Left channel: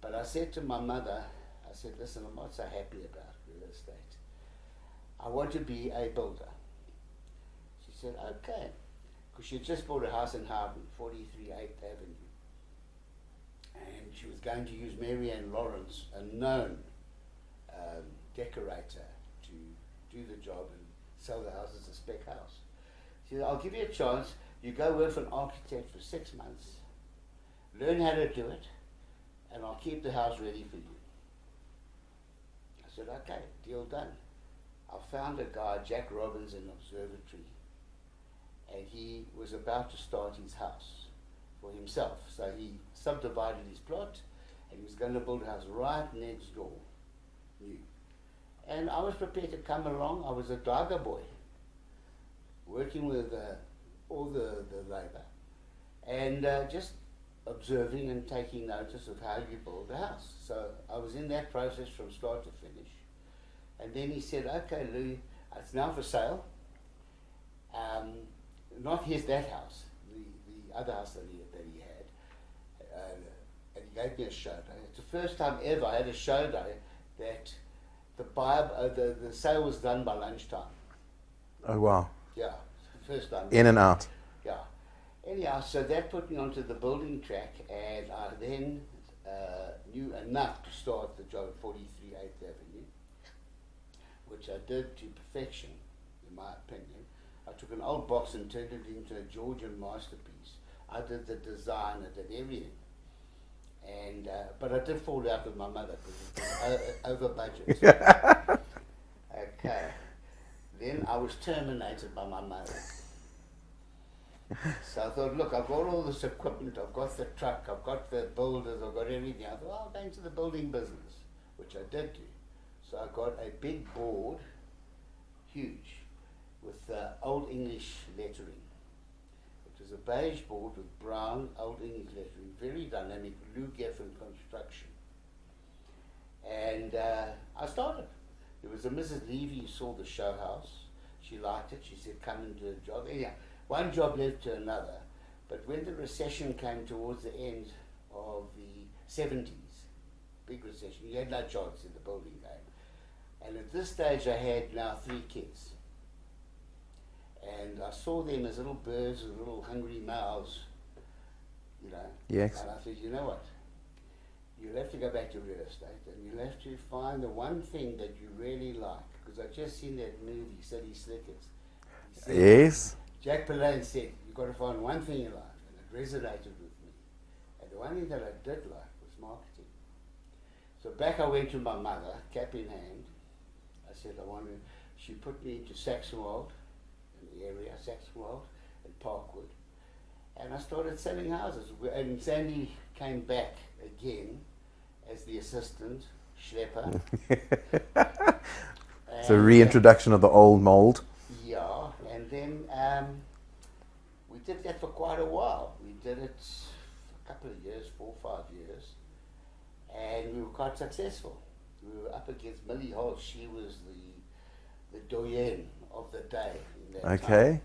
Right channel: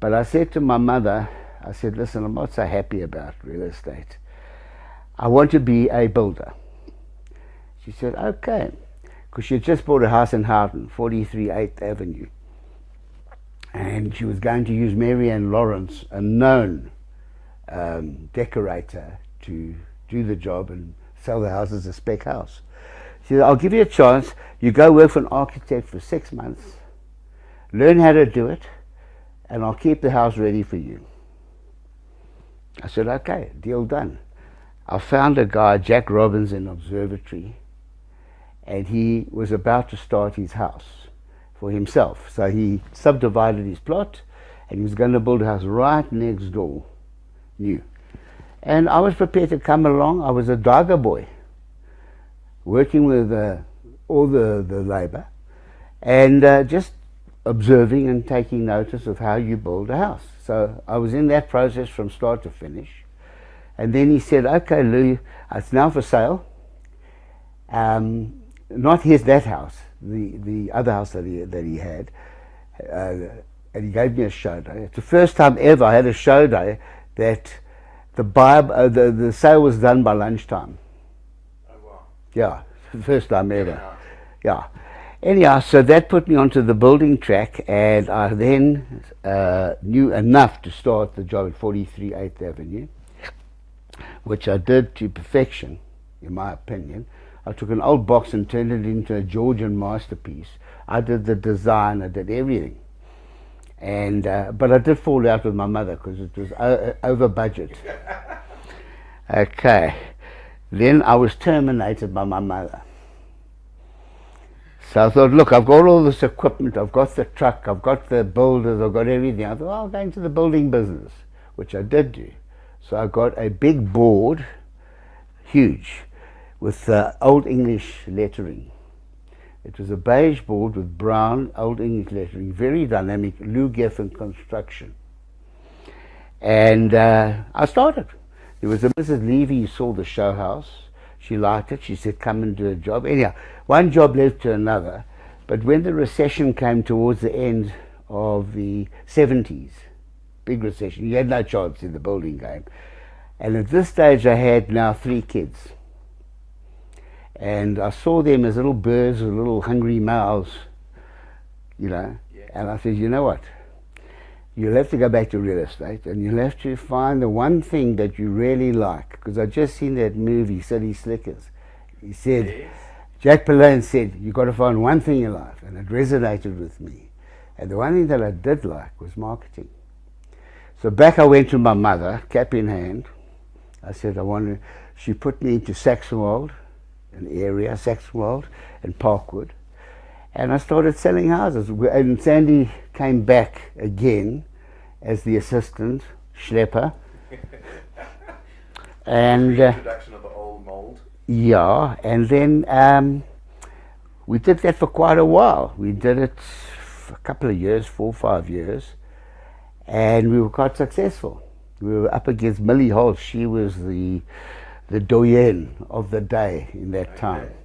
But I said to my mother, I said, listen, I'm not so happy about real estate. I want to be a builder. She said, okay. Because she had just bought a house in Houghton, 43 8th Avenue. And she was going to use Mary Ann Lawrence, a known decorator, to do the job and sell the house as a spec house. She said, I'll give you a chance. You go work for an architect for 6 months, learn how to do it, and I'll keep the house ready for you. I said, okay, deal done. I found a guy, Jack Robbins, in Observatory, and he was about to start his house for himself. So he subdivided his plot, and he was going to build a house right next door, new. And I was prepared to come along. I was a Daga boy, working with all the labor, and just observing and taking notice of how you build a house. So I was in that process from start to finish. And then he said, okay, Lou, it's now for sale. Not that house, the other house that he had. And he gave me a show day. It's the first time ever I had a show day that the sale was done by lunchtime. Oh, wow. Yeah, first time ever. In and out. Yeah. Anyhow, so that put me onto the building track, and I then knew enough to start the job at 43 8th Avenue, which I did to perfection, in my opinion. I took an old box and turned it into a Georgian masterpiece. I did the design, I did everything. And but I did fall out with my mother because it was over budget. Okay. Then I was terminated by my mother. So I thought, look, I've got all this equipment, I've got the truck, I've got the builders, I've got everything. I thought, I'll go into the building business, which I did do. So I got a big board, huge, with Old English lettering. It was a beige board with brown Old English lettering, very dynamic, Lou Geffen construction. And I started. There was a Mrs. Levy who saw the show house. She liked it. She said, come and do a job. Anyhow, one job led to another. But when the recession came towards the end of the 70s, big recession, you had no chance in the building game. And at this stage, I had now 3 kids. And I saw them as little birds with little hungry mouths, you know. Yes. And I said, you know what? You'll have to go back to real estate, and you'll have to find the one thing that you really like. Because I just seen that movie, City Slickers. He said, yes. Jack Palance said, you've got to find one thing in life, and it resonated with me. And the one thing that I did like was marketing. So back I went to my mother, cap in hand. I said, she put me into Saxonwold, an area, Saxonwold and Parkwood. And I started selling houses. And Sandy came back again as the assistant schlepper. And the reintroduction of the old mold. Yeah, and then we did that for quite a while. We did it for a couple of years, 4 or 5 years, and we were quite successful. We were up against Millie Holt. She was the doyenne of the day in that time.